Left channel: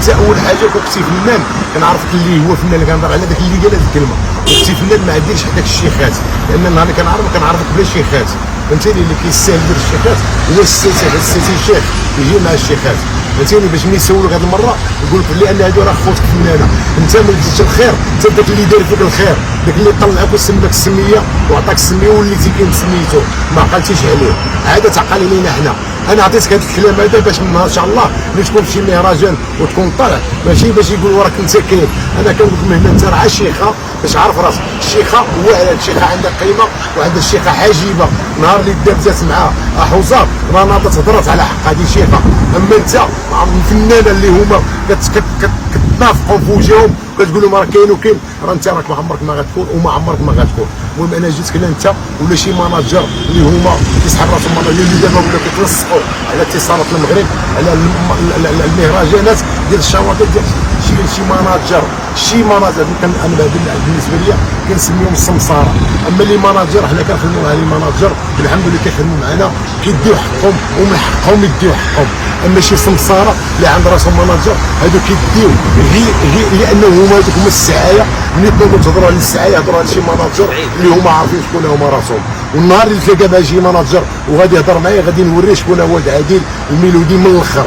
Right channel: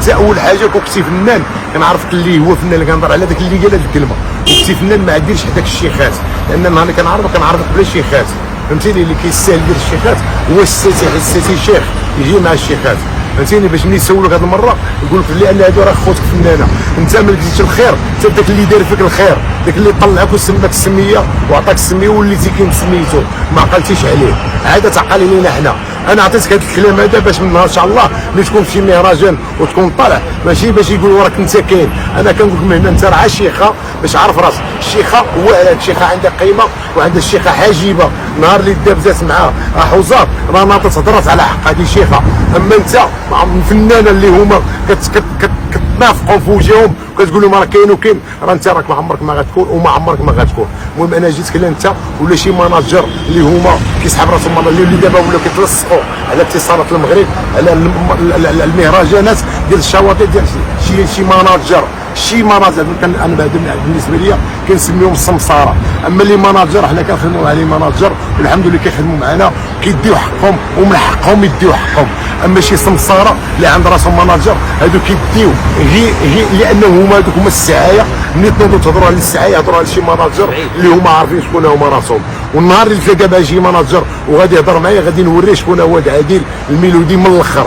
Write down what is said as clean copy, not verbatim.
انت اول حاجه كنتي فنان كنعرفك اللي هو فنان اللي كنهضر على داك اللي قال هذه الكلمه، وكنتي فنان ما ديرش هذاك الشيخات، لان النهار اللي كنعرفك بلا شيخات، فهمتيني؟ اللي كيستاهل يدير الشيخات هو السيتي شيخ يجي مع الشيخات، فهمتيني؟ باش ملي يسولك هذه المره يقول لك لان هادو راه خوتك فنانه، انت ما بديتش الخير، انت داك اللي دار فيك الخير، داك اللي طلعك وسماك السميه وعطاك السميه وليتي كاين سميتو ما عقلتيش عليه، عاد تعقل علينا حنا. انا عطيتك هذا الكلام هذا باش من نهار ان شاء الله ملي تكون في شي مهرجان وتكون طالع ماشي باش يقولوا راك انت كاين، انا كنقول لك من هنا انت راه شيخه باش عارف راسك، الشيخه واعره، الشيخه عندها قيمه وعندها الشيخه حاجبه، نهار اللي دابزات مع حوزار راه ناضت هضرات على حق هذه شيخه، اما انت مع الفنانه اللي هما كتنافقوا في وجههم كتقول لهم راه كاين وكاين، راه انت راك ما عمرك ما غتكون وما عمرك ما غتكون. المهم انا جيتك لا انت ولا شي ماناجر اللي هما كيسحب راسهم اللي دابا ولاو كيتلصقوا على اتصالات المغرب على المهرجانات ديال الشواطئ ديال شي ماناجر انا بالنسبه لي كنسميهم السمساره، اما اللي ماناجر حنا كنخدموا مع لي ماناجر والحمد لله كيخدموا معنا كيديو حقهم ومن حقهم يديو حقهم، اما شي سمساره اللي عند راسهم ماناجر هادو كيديو غير لانه هما هذوك هما السعايه، ملي تنوضوا تهضروا على السعايه هضروا على شي ماناجر اللي هما عارفين شكون هما راسهم، والنهار اللي تلقى بها شي ماناجر وغادي يهضر معايا غادي نوريه شكون هو عادل الميلودي من الاخر.